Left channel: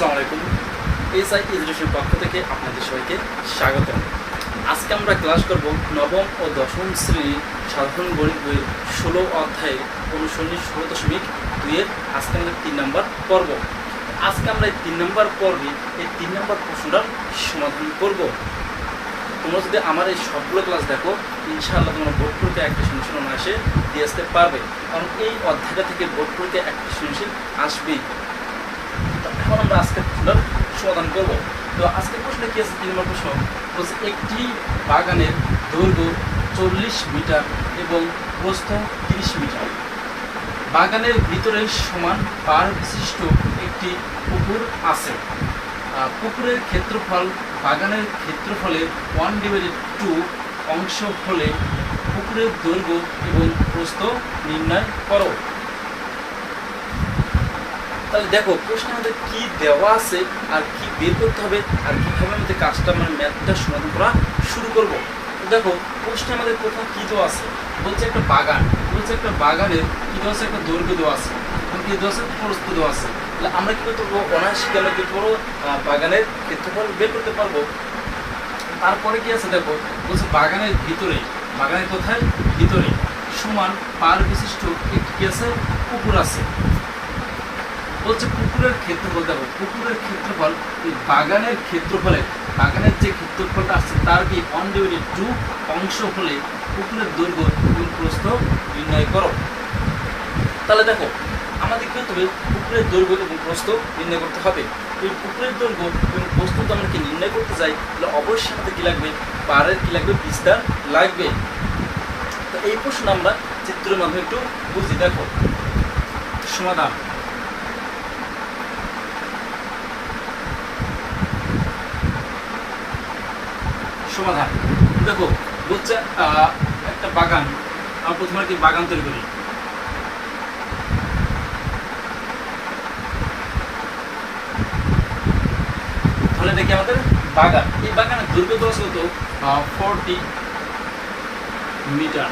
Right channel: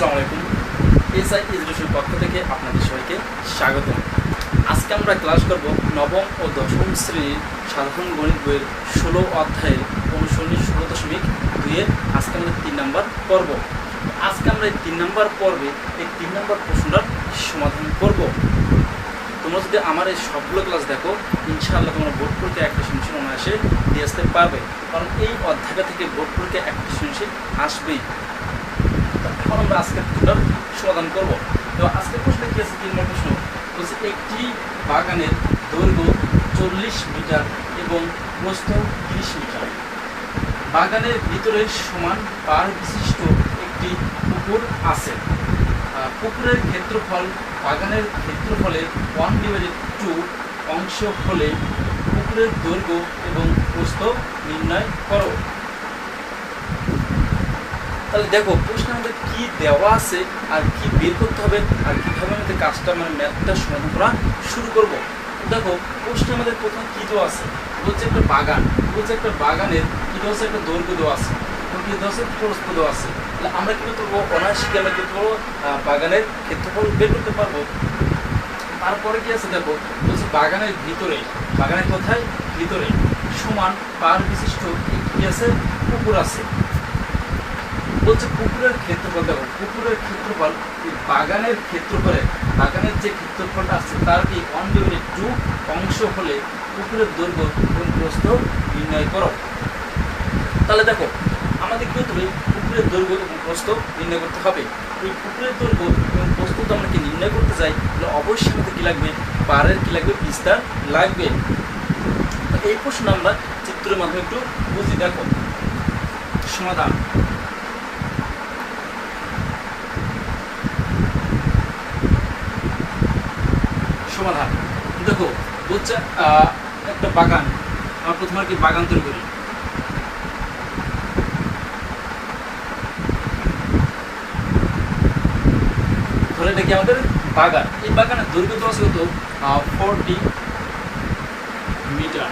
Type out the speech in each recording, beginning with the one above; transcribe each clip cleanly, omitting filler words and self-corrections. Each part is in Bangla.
আসসালামু আলাইকুম। এসআই এডুকেশন পক্ষ থেকে আপনাদের সবাইকে স্বাগতম। আজকে আমরা ক্লাস করব নবম ও দশম শ্রেণীর সাধারণ গণিত বইয়ের 16 অধ্যায়ের অনুসরণী 16.2-এর আজকে আমরা 3 নম্বর পর্ব। আজকে আমরা এই 3 নম্বর পর্বে এই 3 নম্বর প্রশ্নটার সমাধান করব। তোমরা যদি আমার এই সবগুলো ক্লাস দেখো, ইনশাআল্লাহ তোমরা বোর্ড পরীক্ষা একটা সৃজনশীল অনায়াসে দিয়ে আসতে পারবে, কারণ এই অধ্যায়টা থেকে বোর্ড পরীক্ষা একটা সৃজনশীল আসবেই। এখন আমরা আজকের প্রশ্নটার সমাধান করব। তো আজকের প্রশ্নে কি আছে? 3 নম্বর প্রশ্ন বলছে, একটি বাগানের দৈর্ঘ্য 40 মিটার এবং প্রস্থ 30 মিটার। বাগানের ভিতরে সমান পাড় বিশিষ্ট একটি পুকুর আছে। পুকুরের ক্ষেত্রফল বাগানের ক্ষেত্রফলের 1/2 অংশ হলে পুকুরের দৈর্ঘ্য এবং প্রস্থ নির্ণয় করো। তাহলে দেখো প্রশ্নের মধ্যে কি দেওয়া আছে আর কি বের করতে হবে আর কিভাবে আমাদের কাজটা ম্যাথটা সমাধান করা শুরু করব। দেখো প্রশ্নের আমাদের প্রথম কি দেওয়া আছে, বলছে একটা বাগান, বলছে একটা বাগানের কি দেওয়া আছে, একটা দৈর্ঘ্য দেওয়া আছে এবং কি দেওয়া আছে, প্রস্থ দেওয়া আছে। তাহলে আমরা কি করবো, অনায়াসে আমরা কি করবো, বাগানের ক্ষেত্রফল বের করতে পারবো। তারপরে কি আছে দেখো, বলছে বাগানের ভিতরে, বাগানের কোথায়, ভিতরে সমান পাড় বিশিষ্ট একটি কি আছে, পুকুর আছে। বলছে পুকুরের ক্ষেত্রফল, দেখো পুকুরের ক্ষেত্রফল বাগানের ক্ষেত্রফলে, বাগানের যে ক্ষেত্রফলটা আছে তার কি 1/2 অংশ হলে পুকুরের দৈর্ঘ্য এবং প্রস্থ নির্ণয় করো। তাহলে দেখো আমাদের কি হতে হবে, পুকুরের দৈর্ঘ্য এবং প্রস্থ নির্ণয় করতে হবে। এই পুকুরের দৈর্ঘ্য এবং প্রস্থ তো আমরা কি নির্ণয় করতে যাই, তাহলে অবশ্যই আমাদের কি লাগবে, পাড়ের কি লাগবে, বিস্তার লাগবে। এই প্রশ্ন আমরা চিত্রের মাধ্যমে একটু বুঝি। দেখো সমাধান, সমাধান দেখো বলছে একটা বাগান, আমরা প্রথমে কি বাগান তৈরি করি। ধরে দেখি আমাদের বাগান, এই বাগানের দৈর্ঘ্য দেওয়া আছে কত, 40 মিটার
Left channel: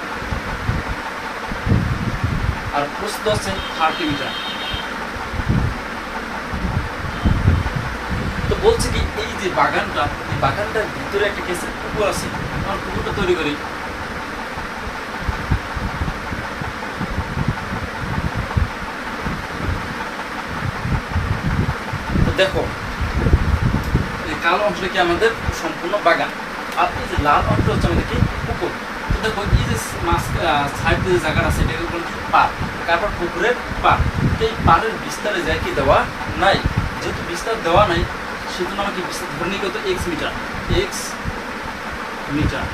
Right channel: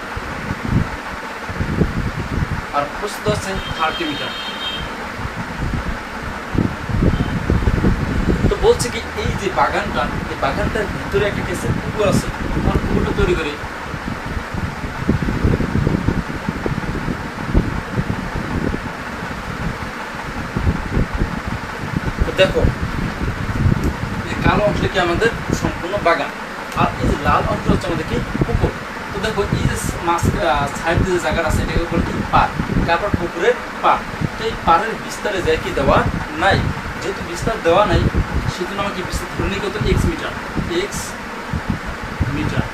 আর প্রস্থ আছে 30 মিটার। তো বলছে কি এই যে বাগানটা, এই বাগানটার ভিতরে একটা কেসে পুকুর আছে, আমার পুকুরটা তৈরি করি। তো দেখো কালো অংশটা কি আমাদের সম্পূর্ণ বাগান, আর এই যে লাল অংশ হচ্ছে আমাদের কি পুকুর। তো দেখো এই যে মাছ সাইড দিয়ে যে জায়গাটা আছে এটা বলতে পার, তারপর পুকুরের পার। তো এই পাড়ের বিস্তারে যায় কি দেওয়া নাই, যেহেতু বিস্তার দেওয়া নাই সেজন্য আমাকে বিস্তার ধরে নিই কত, x metre, x metre.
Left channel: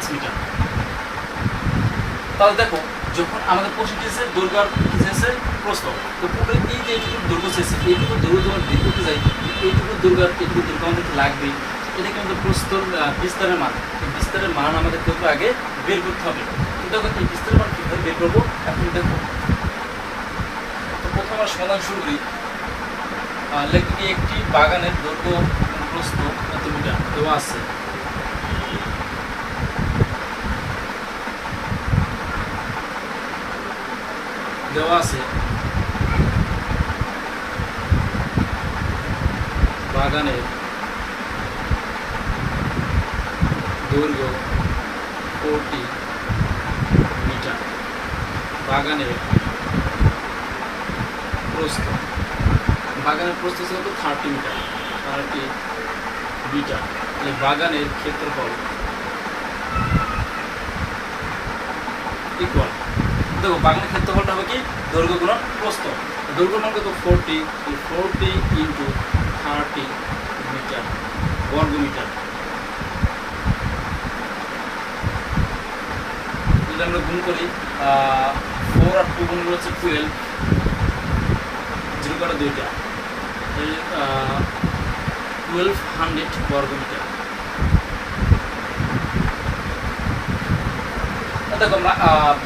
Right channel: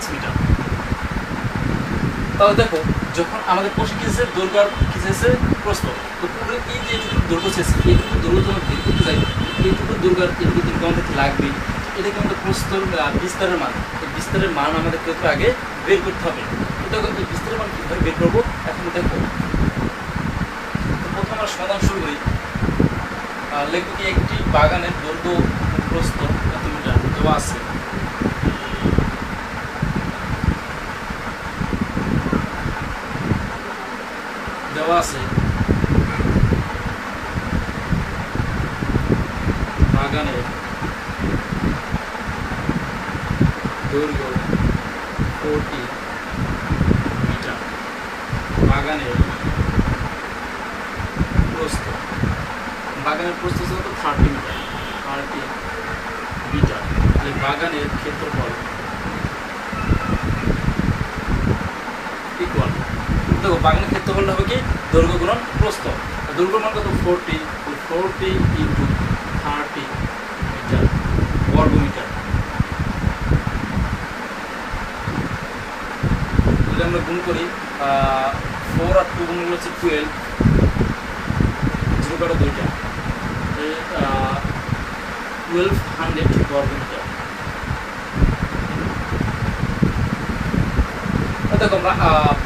x metre. তাহলে দেখো যখন আমাদের প্রশ্ন কি আছে, দৈর্ঘ্য আর কি আছে, প্রস্থ। তো পুকুরের এই যে এইটুকু দৈর্ঘ্য চেয়েছে, এইটুকু দৈর্ঘ্য যখন বের করতে যাই, এইটুকু দৈর্ঘ্য আর এইটুকু দৈর্ঘ্য আমাদের লাগবে। এটা কিন্তু প্রস্থর বিস্তারের মান, তো বিস্তারের মান আমাদের কিন্তু আগে বের করতে হবে। তো দেখো এই বিস্তারের মান কীভাবে বের করবো, এখন দেখো প্রথম আমরা সমাধান শুরু করি। লেখি একটি বাগানের দৈর্ঘ্য প্রস্থ কত মিটার দেওয়া আছে। দেওয়া আছে বাগানের দৈর্ঘ্য 40 মিটার, বাগানের প্রস্থ, বাগানের প্রস্থ কত, 30 মিটার, 30 মিটার। বাগানের ক্ষেত্রফল ইকুয়াল, দেখো বাগানের ক্ষেত্রফলটা হবে কি, দৈর্ঘ্য গুণন প্রস্থ। দৈর্ঘ্য মান কত, 40 × 30 মিটার বর্গ মিটার। যদি আমরা গুণ করি 4 আর 2 গুণ হচ্ছে 12, 0 করে 2টা, 1200 বর্গ মিটার। দেখো আমরা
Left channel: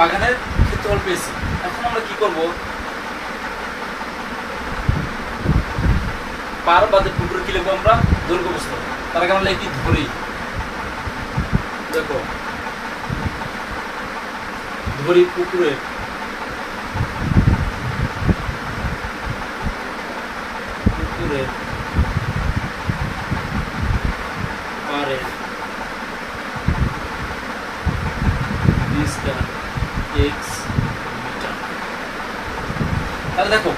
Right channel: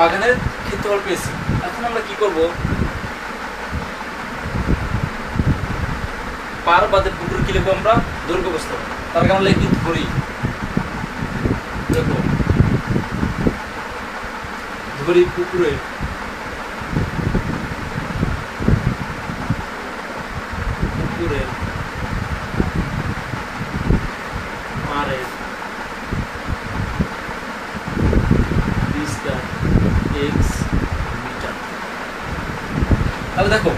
বাগানের ক্ষেত্রফল পেয়েছি। এখন আমরা কি করব, পার বাদে পুকুর কি লিখবো আমরা, দৈর্ঘ্য প্রস্থ। তার আগে আমরা লিখি ধরি। দেখো ধরি পুকুরে পারে ডিস্টেন্স এক্স মিটার। তাহলে দেখো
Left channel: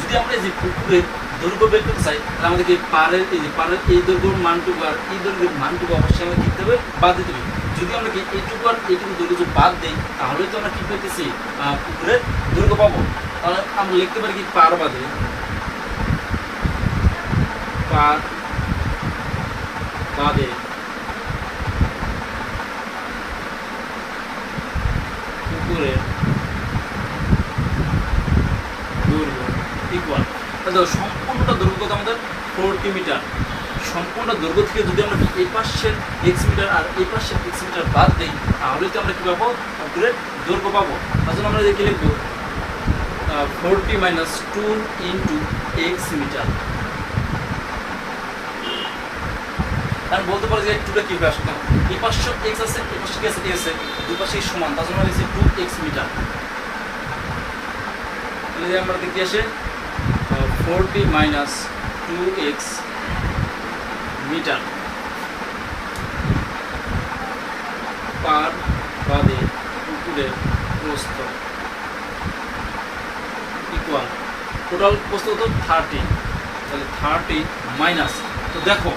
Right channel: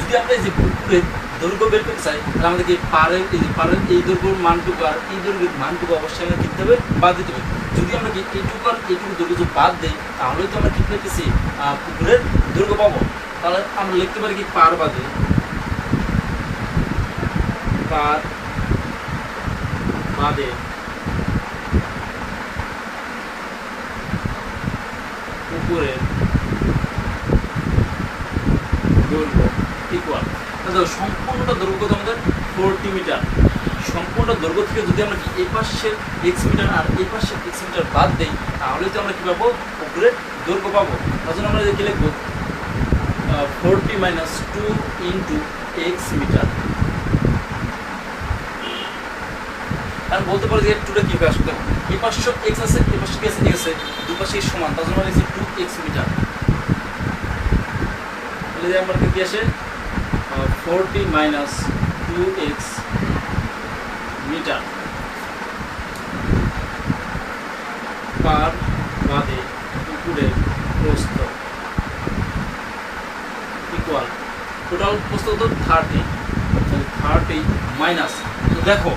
যদি আমরা এই যে পুকুরের দৈর্ঘ্য বের করতে চাই তাহলে আমাদেরকে পারের এই দৈর্ঘ্যের মানটুকু আর এই দৈর্ঘ্যের মানটুকু অবশ্যই আমাদের কি দিতে হবে, বাদ দিতে হবে। যদি আমরা কি এইটুকু আর এইটুকু দৈর্ঘ্য যদি বাদ দিই তাহলেই তো আমরা কি পেতেছি পুকুরের দৈর্ঘ্য পাবো। তাহলে আমরা লিখতে পারি কি পার বাদে পুকুরের দৈর্ঘ্য ইকুয়াল, তাহলে সম্পূর্ণটা দৈর্ঘ্য তো আমাদের 40 মিটার। সম্পূর্ণ দৈর্ঘ্য থেকে যদি আমরা এই পাশের এক্স মিটার আর এই পাশের এক্স মিটার বাদ দিই তাহলে তো আমরা কি পাবো, পুকুরের দৈর্ঘ্য পাবো। তার জন্য আমরা কি লিখবো 40 মাইনাস 2 ইন্টু এক্স মিটার। আর বলতে পারি যে 2টা কি আসবে, দেখো এই পাশে এক্স আছে এই পাশে কি আছে, ঠিক আছে, দুই পাশে সমান, তার জন্য লিখছি 2x মিটার। তাহলে আমরা কি আসে 40 মাইনাস 2x মিটার পার বাদে পুকুরের প্রস্থ ইকুয়াল টোটাল প্রস্থ তো 30, তাহলে 30 মাইনাস, তো দেখো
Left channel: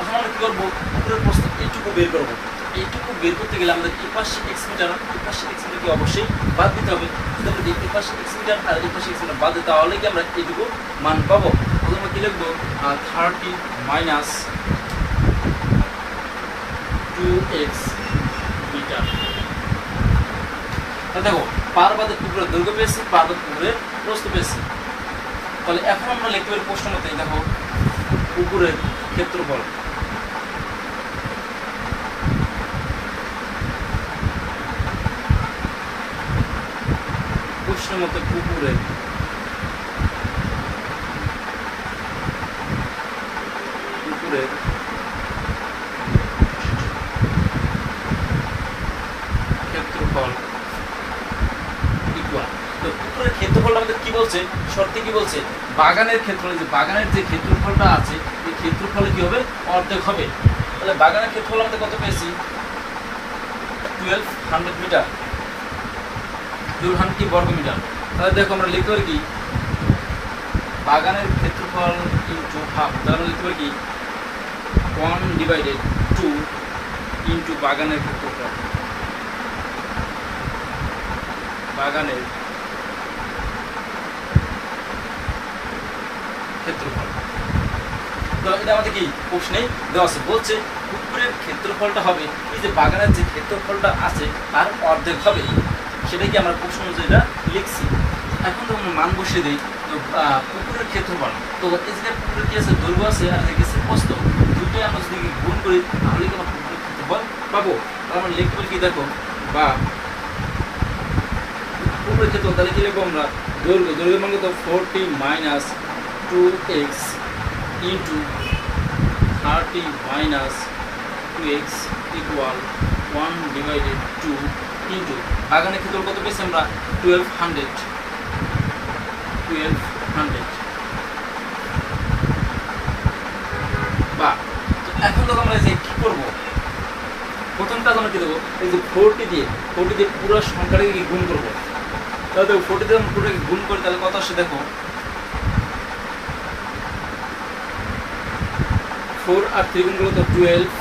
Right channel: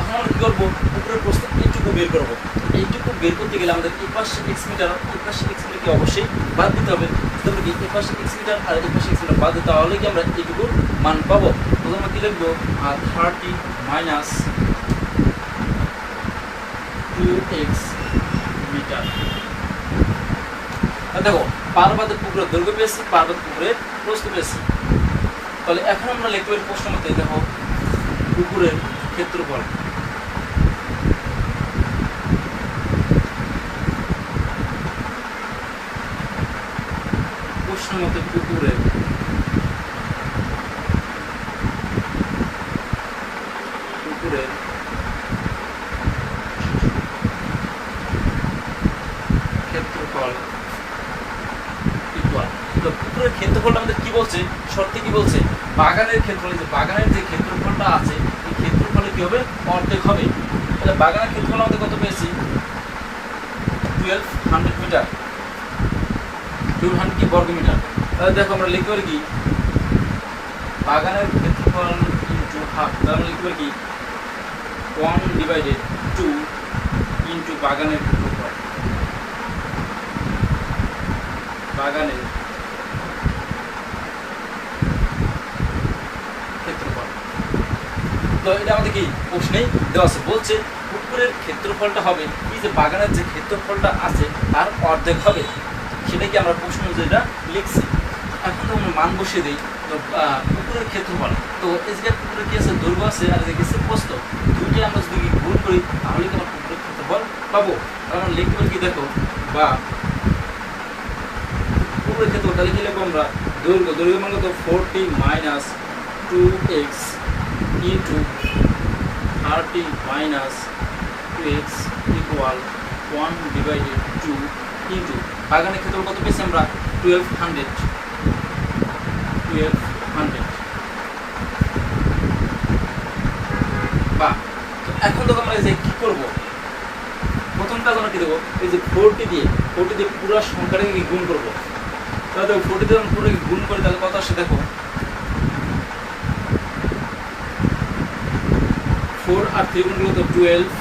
এখন আমরা কি করবো, পুকুরের প্রস্থ এইটুকু বের করবো। এইটুকু বের করতে গেলে আমাদের এই পাশে এক্স মিটার এই পাশে এক্স মিটারকে অবশ্যই বাদ দিতে হবে। যদি আমরা এই পাশে এক্স মিটার আর এই পাশে এক্স মিটার বাদ দিই তাহলে কি আমরা এইটুকু মান পাবো। তখন আমরা কি লিখবো 30 মাইনাস 2x মিটার। দেখো পার বাদে পুকুরের দৈর্ঘ্য পেয়েছি, পার বাদে পুকুরের প্রস্থ পেয়েছি। তাহলে এখন আমরা লিখতে পারি প্রশ্ন মতে, দেখো পুকুরের ক্ষেত্রফল মতো পুকুরের ক্ষেত্রফল ইকুয়াল, তো পুকুরের ক্ষেত্রফল আমাদের কি বলছে, শর্তে কি বলছে, বাগানের ক্ষেত্রফল, যে বাগানের যে ক্ষেত্রফলটা আছে এই ক্ষেত্রফলে কি হবে, অর্ধেক হবে। তাহলে বাগানের ক্ষেত্রফল আমাদের কত পেয়েছি 1200 মিটার, 1200 কি বর্গ মিটার। তাহলে দেখো আমরা লিখতে পারি কি বাগানের ক্ষেত্রফল ইন্টু হাফ, তাহলে লিখতে পারি কি 1/2 ইন্টু বাগানের ক্ষেত্রফল, বাগানের ক্ষেত্রফল। তো এটা আমাদের কি প্রশ্নেই দেওয়া আছে, বলছে পুকুরের ক্ষেত্রফলটা হবে এই যে বাগানের যে ক্ষেত্রফলটা আছে আর অর্ধেক হবে, সেটা কি আমরা প্রশ্ন যেটা লিখছি। এখন তো মান বসিয়ে দিই, তো পুকুরের ক্ষেত্রফল, তো এই যে পুকুরের কি আছে, দৈর্ঘ্য আছে আর গেছে প্রস্থ, দুইটাই আমরা যদি গুণ করি তাহলে কি আমরা পুকুরের ক্ষেত্রফল পাবো। কারণ লিখতে পারি কি দেখো বা পুকুরের ক্ষেত্রফল, তাহলে কি লিখবো আমরা দৈর্ঘ্য মান কত 40 minus 2x into 30 minus 2x equal 1/2 into বাগানের ক্ষেত্রফল কত পেয়েছি আমরা 1200। বা তো এখন তো আমরা এই যে কি করবো, প্রথম কাজ আমরা কি দেবো, এই যে 40 দিয়ে পুরো সংখ্যাটাকে গুণ করবো। তাহলে দেখো 40 দিয়ে পুরো গুণ করে তাহলে কত আসে, দেখো 4 আর 3 গুণ করলে তো 12,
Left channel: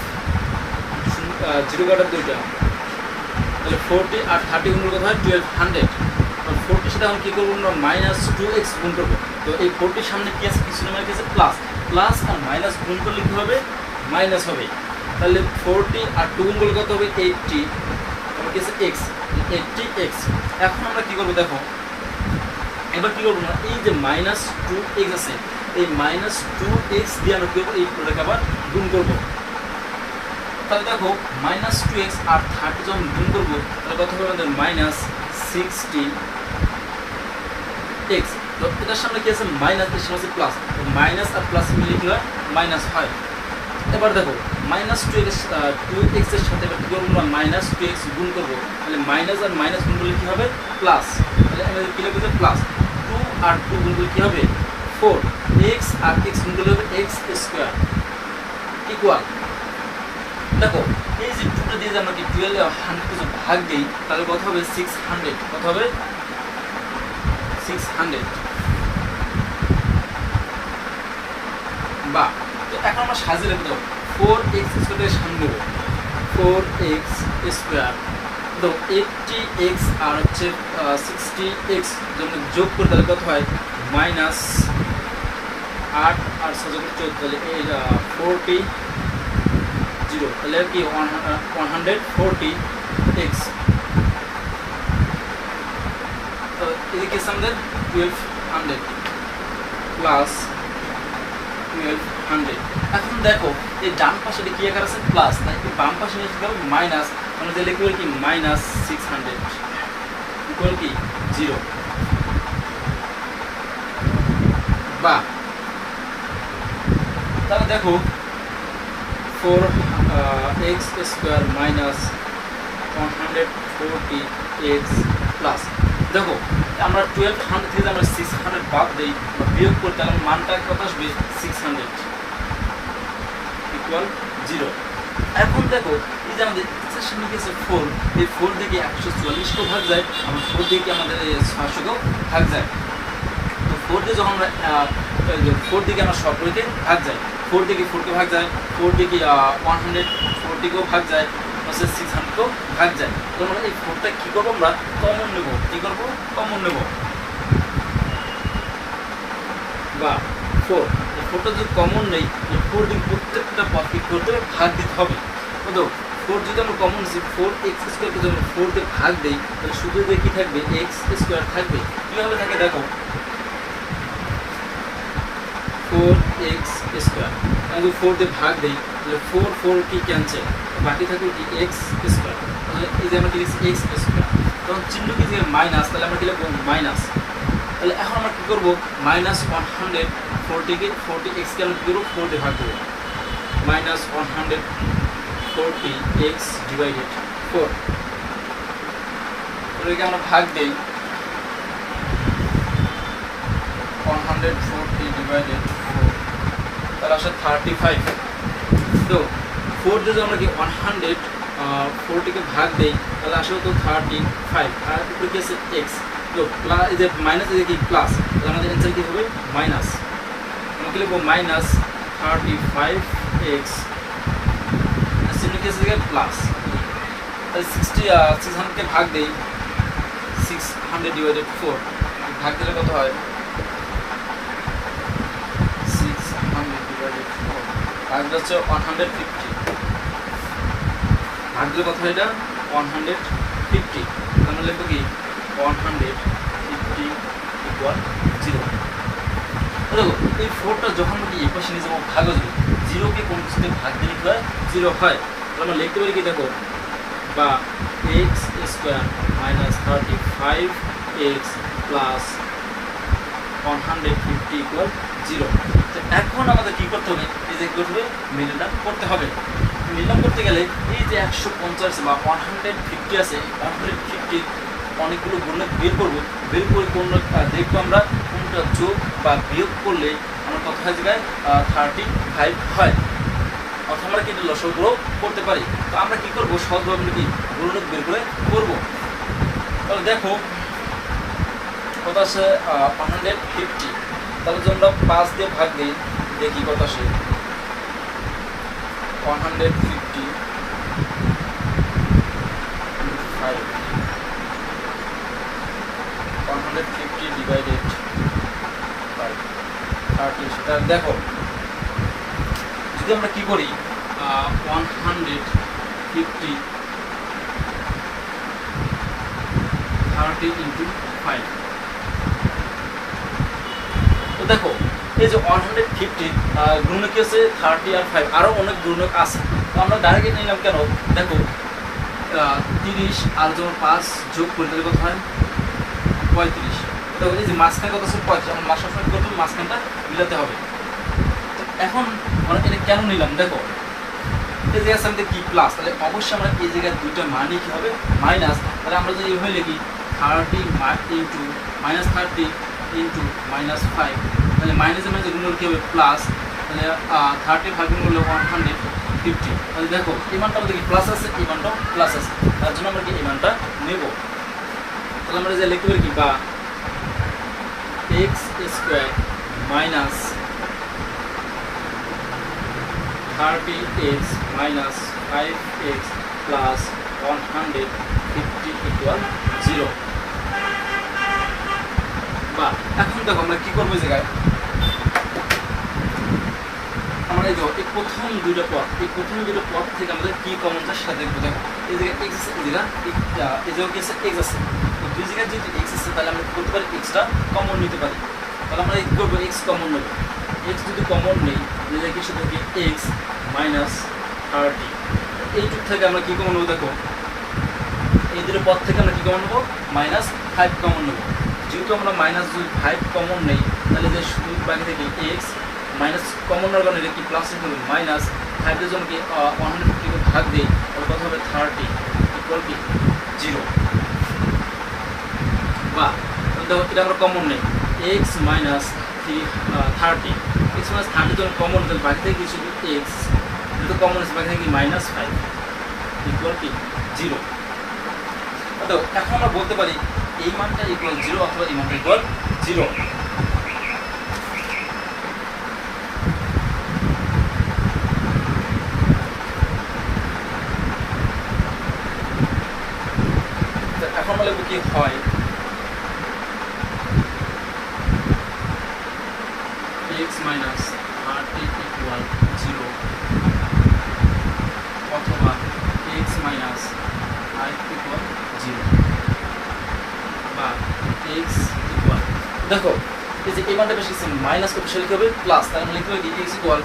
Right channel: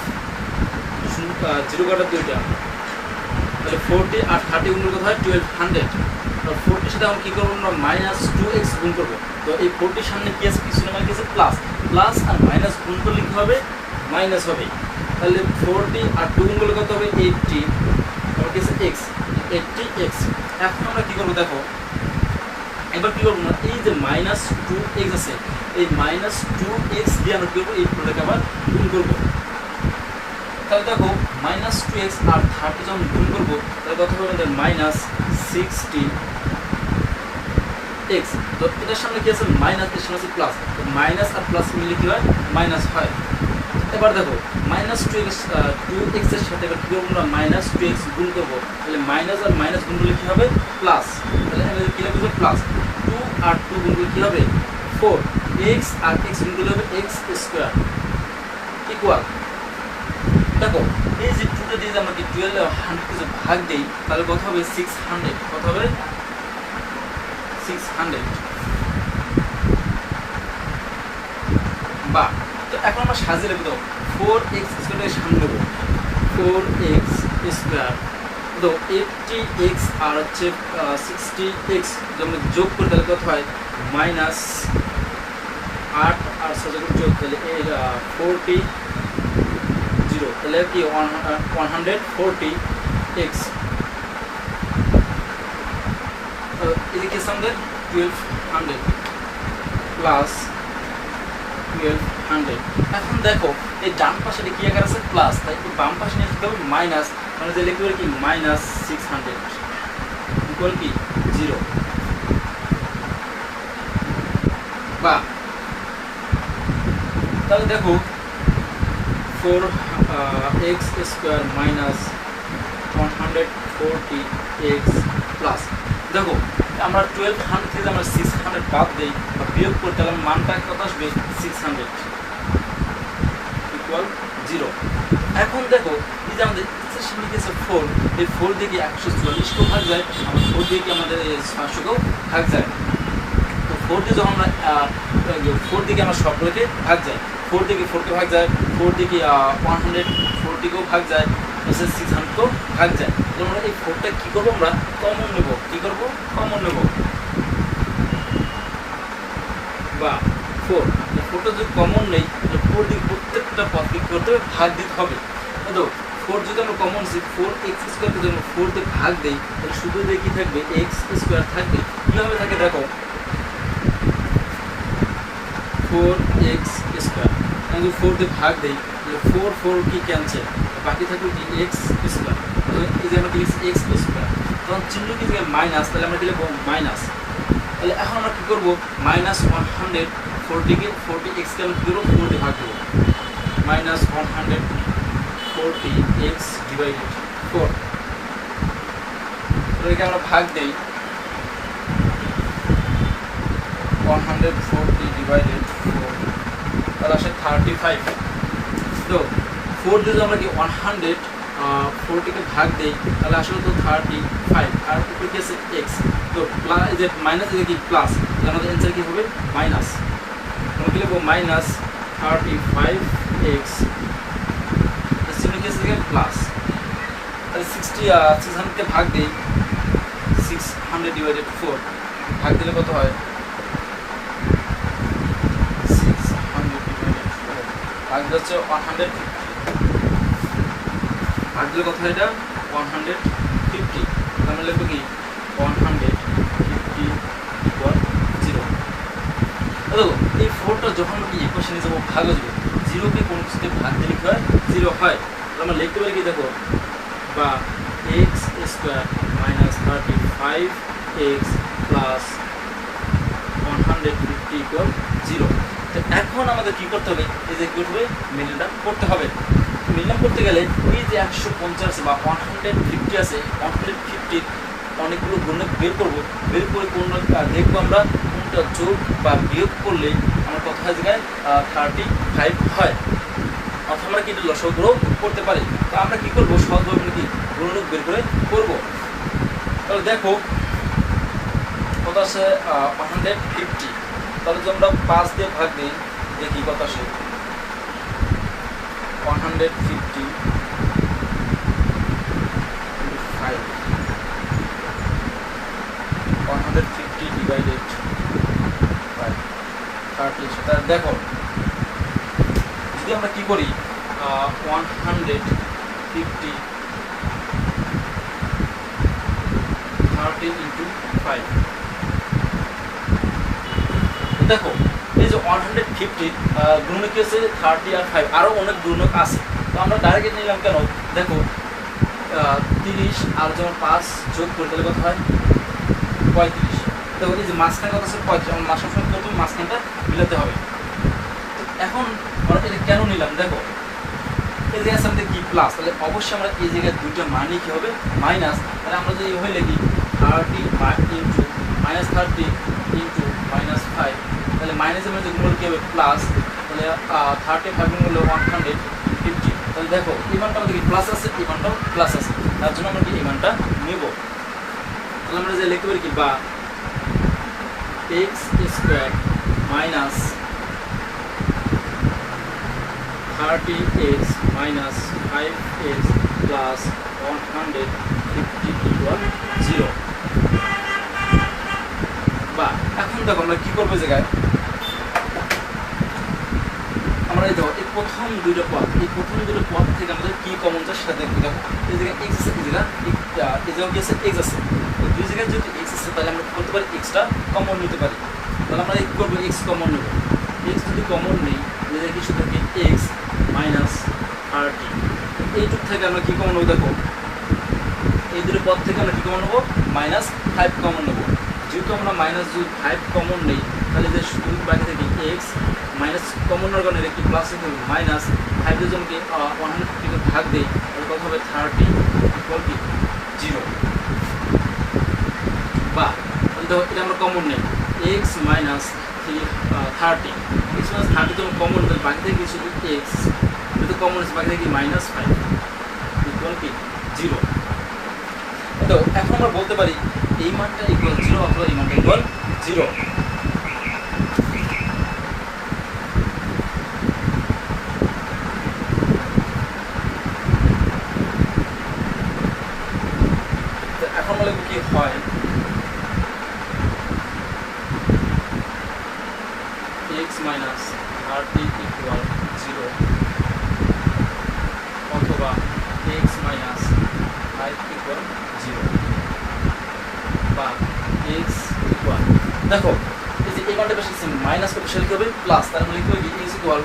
0 কাটার 2টা, তাহলে 40 আর 30 গুণ করলে কত হয় 1200। 40 সাথে এখন কি করবো আমরা মাইনাস 2x গুণ করবো। তো এই 40 সামনে কি আছে, কিছু না আছে প্লাস আর মাইনাস গুণ করলে কি হবে, মাইনাস হবে। তাহলে 40 আর 2 গুণ করলে কত হবে 80, তাহলে কি আছে x, 80x। এখন আমরা কি করবো, দেখো এবার কি করবো না, এই যে মাইনাস 2x আছে এই মাইনাস 2x দিয়ে আমরা কি করবো, এই পুরোটাকে আবার গুণ করবো। তাহলে দেখো মাইনাস 2x আর 30 যখন গুণ করবো তাহলে কত হবে আমাদের মাইনাস 16x। তো এটার সামনে কি আছে মাইনাস, এর সামনে আছে প্লাস, তো মাইনাস আর প্লাস মিলে কি হয় মাইনাস হয়। এবার দেখো মাইনাস টু এক্স এর সাথে এবার কী করবো আমরা মাইনাস টু এক্স গুণ করবো, তাহলে মাইনাস আর মাইনাস গুণ করলে কী হবে প্লাস, তাহলে আমাদের কী হবে প্লাস টু আর টু গুণ করলে কী হবে ফোর, এক্স আর এক্স গুণ করলে হবে এক্স স্কোয়ার ইকুয়াল, দেখো এই যে টুটা দিয়ে আমরা কি 1200 কিছু ভাগ দিই তাহলে কত হবে 600, কত হবে 600 বা তো এখন আমরা সাজিয়ে লিখে দাও 4x স্কোয়ারের সামনে নেব 4x স্কোয়ার তো 80x আর হচ্ছে 60x যখন যোগ করে তাহলে কত হয় মাইনাস 8 আর 6 যখন যোগ তাহলে এই 40 0 তাহলে কি 140x তো এদিকে আমাদের 1200 প্লাস 1200। এখন দেখো এই ডান পাশে কি আকার আছে প্লাস, তাই কি বাম পাশে নিয়ে যাবো মাইনাস, আমরা যে লিখব কি মাইনাস 600 ইকুয়াল কি 0 বা তাহলে দেখো 4x square minus 140x plus, দেখো আমরা 1200 থেকে আমরা 600 বাদ দিই বা বিয়োগ করি তাহলে মানটা কত আসবে 600 ইকুয়াল 0। এখন দেখো এই যে আমাদের এক্সের নিচে 4, এই 4 দিয়ে 140 কেও ভাগ যায়, আমরা 4 দিয়ে আমাদের 500 কেও ভাগ যায়, তো 4 দিয়ে যখন আমরা 4 দিকে আমরা সবগুলোকে ভাগ যায়, 4 দিকে 4 কে ভাগ যায়, 4 দিকে 140 কেও ভাগ যায়, 600 কেও ভাগ যায়, তো আমরা এই 4টা কি করবো আমরা কমন নেব, কি করবো কমন নেব বা 4টা যদি কমন নেই 4 দিকে প্রত্যেকটা পদকে কি করতে হবে ভাগ দিতে হবে, তো 4 যদি আমরা কমন 4x স্কোয়ারকে যদি আমরা 4 দিয়ে ভাগ দিই তাহলে শুধু দিয়ে কি থাকবে x স্কোয়ার থাকবে, কীভাবে থাকে দেখো 4x স্কোয়ার আমি যদি 4 দিয়ে ভাগ দিই তাহলে 4 কি ক্যান্সেল, বাকি থাকবে কি x স্কোয়ার, তাহলে এই যে আমরা কি লিখছি x স্কোয়ার, তখন চিহ্ন কি থেকে মাইনাস, তাহলে আমরা কি লিখবো মাইনাস, তাহলে এখন আমরা কী করবো মাইনাস 140কে 40x কে আমরা কী করবো 4 দিয়ে ভাগ দেবো, মাইনাস 140x ডিভাইডেড 4, এটাকে আমরা ভাগ দিই 140 ডিভাইডেড 4 তাহলে আসলে 35, তো 4 দিয়ে আমরা কি 140কে ভাগ দেই তাহলে আসলে তো 35 আর উপরে কি আছে x, তো এই যে মাইনাস এই যে কি প্লাস, আমাদের অ্যান্সার কি হবে মাইনাস, আমরা কি লিখবো মাইনাস 35x প্লাস, তাহলে 600কে ভাগ দেই 600 ডিভাইডেড 4 ভাগ দিলে কত হয় 600 ডিভাইডেড 4 ভাগ হচ্ছে 150, ভাগ দিলে কত হয় এটা 150, আমরা লিখবো কি 150 ইকুয়াল 0। দেখো এই 4টা যখন আমরা ইকুয়েশনে যাবো ভাগ হবে 0কে কোন কিছুতে ভাগ দিলে কি হয় 0 হয়, আমরা লিখতে পারি কি দেখো বা x square minus 35x plus 150 equal 0। তো এখন আমাদের কী করতে হবে এই যে কী করতে হবে মিলটা করতে হবে, মিললাম করতে গেলে এই যে 150 বা 150 আছে 150 অনেকগুলো গুণক বের করবো, বের করে কোনটা দেখবো আমরা কোনটা যোগ বা বিয়োগ করলে আমার কথা হয় জায়গায় 35 হয়, অর্থাৎ আমরা কিন্তু লসগ্রহ করতে পারি, তো আমরা কী করবো সহজভাবে কি গুণক বের করে করবো, তাহলে দেখো কত আছে 150, তাহলে যদি আমরা 5 দিয়ে ভাগ দিই দেখি কত আসে 150 150 ডিভাইডেড 30, তাহলে দেখো যদি আমরা কি করি 150 30 ইন্টু 5, তো দেখো এই যে 150 গুণক কি আছে 30 আর 5 আরও অনেক গুণক আছে, তো আমরা ডাইরেক্ট নিলাম কেন দেখো 30 আর যখন 5 যোগ করে তাহলে কত হয় 35, তো এই যে মাঝখানে কত আছে 35, আমার সবসময় প্রথমে মাঝখানটা মিলাতে হবে, তো এখন আমরা এটা কেন নিলাম দেখো, এই জায়গায় সামনে কি প্লাস, তাহলে অবশ্যই আমরা এই জায়গায় দুইটা মানই কি হবে মাইনাস। তাহলে আমরা যদি এইভাবে লিখি 30 ইন্টু -30 ইন্টু -5, তাহলে মাইনাসের মাঝে গুণ কি হবে প্লাস, তাহলে 35 গুণ করলে 150। তাহলে দেখো এই মানটা আমাদের কি প্লাস আছে, এই মানটাও প্লাস আছে, তার জন্য আমরা কি এই মানটা নেব। তাহলে আমরা যে লিখতে পারি কি বা x square minus 30x minus 5x plus 150 equal 0। বা এখন দেখো আমরা কি করবো জায়গায়, আমরা এই দেখো এই প্রথম দুইটা পদ থেকে আমাদের কি কমন যায় সেটা দেখবো। দেখো এই জায়গায় x আছে, এই জায়গায় কি আছে x আছে, এই দুই জায়গায় যদি x আছে তাহলে আমরা কি করতে পারি xটা কমন নিতে পারি। তাহলে আমরা কি করবো x কমন নেব, x যদি কমন নেই এই জায়গায় কিছু থাকে x মাইনাস 30, এইটুক থেকে আমরা কি কমন নেবো দেখো, এই দুটো পদ থেকে আমরা কি কমন নেবো -5 কমন নেবো। যেহেতু আমরা -5 কমন নেই তাহলে যে শুধু বাকি থেকে x মাইনাস কমন নেওয়ার কারণে এটা কি প্লাস হবে -5 যদি আমাকে 150 কে ভাগ দেই তাহলে কত হবে 30 ইকুয়াল কি 0। বা দেখো এটা আমরা কমন নেই x মাইনাস 30, x মাইনাস 30 যখন কমন নেই বাকি থেকে কিছু x যেহেতু কমন আছে বাকি থেকে -5 ইকুয়াল কি 0। তো এখন আমরা বলতে পারি এই মানটা ইকুয়াল 0 অথবা এই মানটা ইকুয়াল 0। এখন বলে কি হয় x minus 30 equal 0 অথবা x minus 5 equal 0 বা x equal, দেখো এই যে এই মানটা বেশি মাইনাস করতে সেটা কি হবে প্লাস, তার মানে লিখতে হবে x equal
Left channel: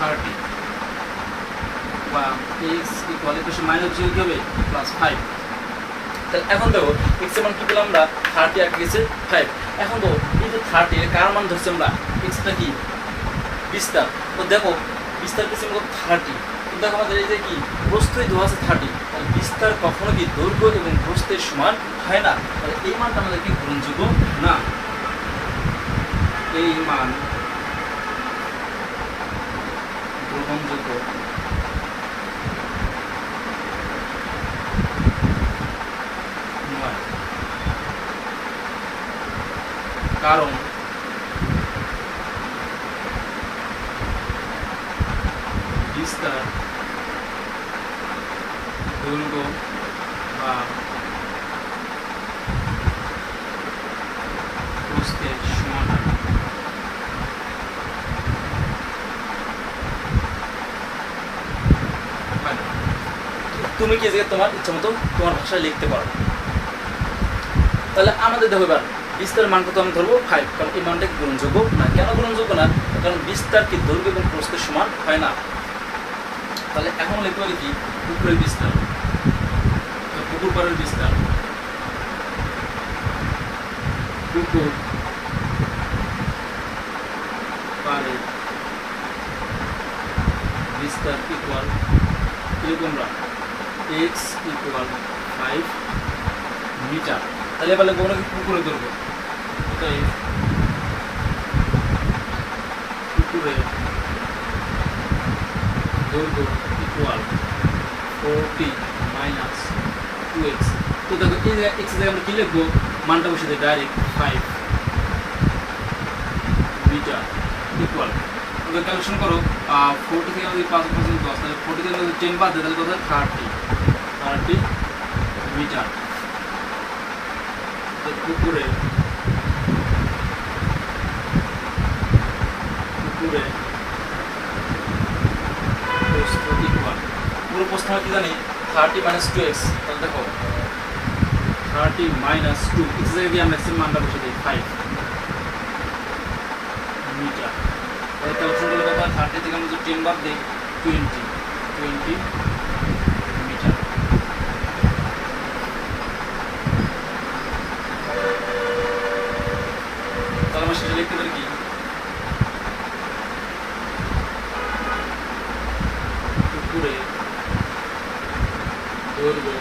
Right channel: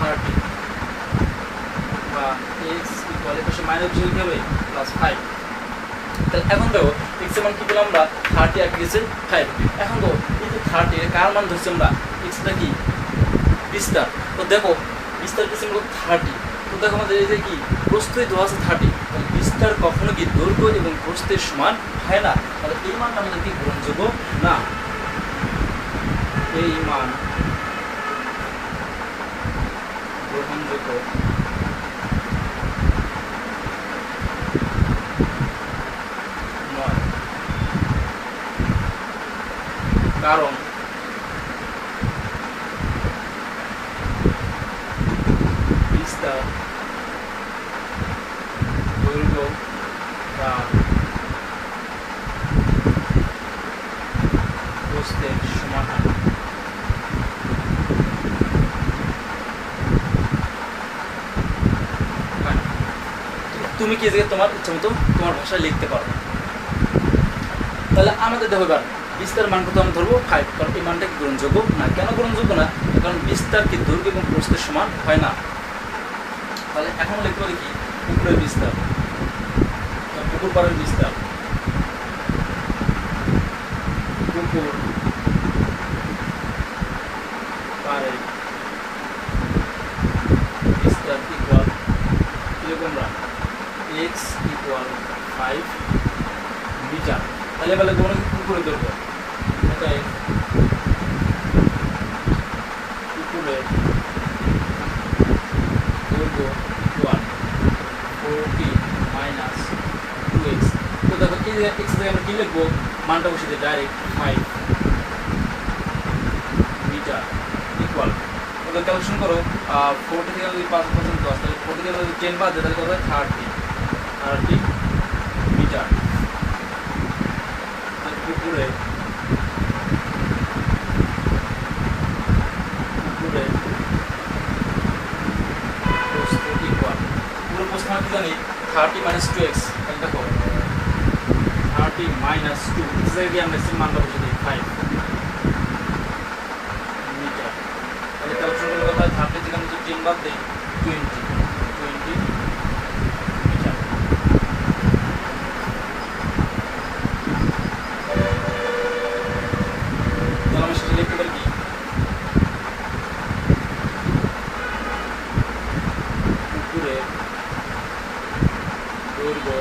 30 বা x equal এর পাশে মাইনাস কি হবে +5। তাহলে এখন দেখো x এর মান কি পেলাম আমরা 30 আর গেছে 5। এখন দেখো এই যে 30 এর কার মান ধরছি আমরা x টা কি বিস্তার, তো দেখো বিস্তার কিছু আমরা 30, তো দেখো আমাদের এই যে কি প্রস্থে দেওয়া আছে 30, তাহলে বিস্তার কখনো কি দৈর্ঘ্য এবং প্রস্থের সমান হয় না, তাহলে এই মানটা আমাদের কি গ্রহণযোগ্য না। এই মান গ্রহণযোগ্য নয়, কারণ বিস্তার দৈর্ঘ্য বা প্রস্থের সমান। তুমি কি তোমার ইচ্ছা মতো তোমার ভাষায় লিখতে পারো। তাহলে আমাদের দেখো এবার বিস্তার মান কত আমি ধরবো 5, কারণ এই মানটা গ্রহণযোগ্য না। কেন গ্রহণযোগ্য না, কারণ বিস্তার কি দৈর্ঘ্য এবং প্রস্থের সমান হয় না। তাহলে এখন লিখতে পারি কি পুকুরের বিস্তার, পুকুর পাড়ের বিস্তার, পুকুর পাড়ের বিস্তার ইকুয়াল আমরা x ইকুয়াল 5 মিটার। তাহলে এবার লিখবো না পুকুরে ধরবো, অতএব পুকুরের দৈর্ঘ্য ইকুয়াল 40 মাইনাস 2x। তো দেখো এই জায়গায় x জায়গায় আমরা কি লিখবো, মানটা বসে দিই ডাইরেক্ট 5 মিটার ইকুয়াল, ওদের ক্যালকুলেশন করো 40 থেকে যদি 5% প্লাস, তাহলে 40 থেকে যদি 10 বাদ দেয় তাহলে কত হয় 30 মিটার। পুকুরে প্রস্থ ইকুয়াল, পুরো প্রস্থ আমরা কি জানি 30 মাইনাস 2x, তাহলে দেখো 30 মাইনাস 2 x জায়গায় আমরা এর মানটা বসে দিই 5 মিটার। তাহলে ক্যালকুলেশন করলে কত হয় 30 থেকে আমরা যদি 10 বাদ দেই 20 মিটার। তাহলে আমরা সেটা লিখতে পারি কি দৈর্ঘ্য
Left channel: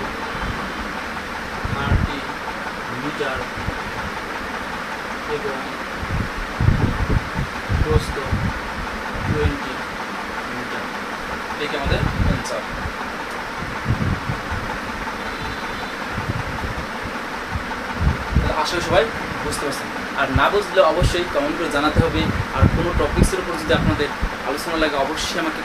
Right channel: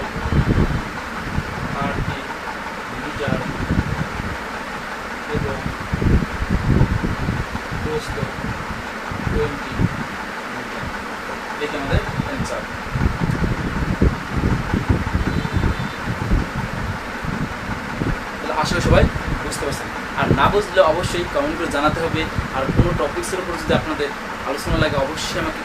30 মিটার এবং প্রস্থ 20 মিটার। এটি আমাদের অ্যান্সার। আশা করি সবাই বুঝতে পারছেন। আর না বুঝলে অবশ্যই কমেন্ট করে জানাতে হবে। আর কোনো টপিক্সের উপর যদি আপনাদের আলোচনা লাগে অবশ্যই আমাকে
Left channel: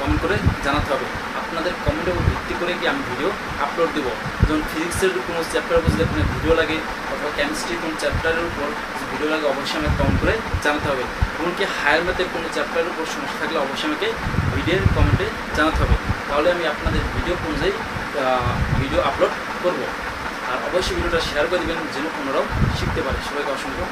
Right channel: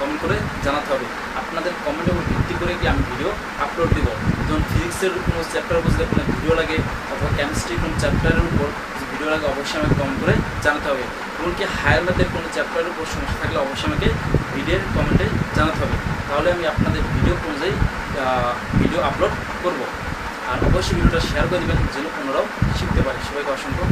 কমেন্ট করে জানাতে হবে। আপনাদের কমেন্টের উপর ভিত্তি করে কি আমি ভিডিও আপলোড দেবো। যেমন ফিজিক্সের কোনো চ্যাপ্টারের উপর যদি কোনো ভিডিও লাগে অথবা কেমিস্ট্রির কোনো চ্যাপ্টারের উপর ভিডিও লাগে অবশ্যই আমাকে কমেন্ট করে জানাতে হবে। এমনকি হায়ার ম্যাথের কোনো চ্যাপ্টারের উপর সমস্যা থাকলে অবশ্যই আমাকে ভিডিওর কমেন্টে জানাতে হবে। তাহলে আমি আপনাদের ভিডিও অনুযায়ী ভিডিও আপলোড করব। আর অবশ্যই ভিডিওটা শেয়ার করে দেবেন যেন অন্যরাও শিখতে পারে। সবাইকে অসংখ্য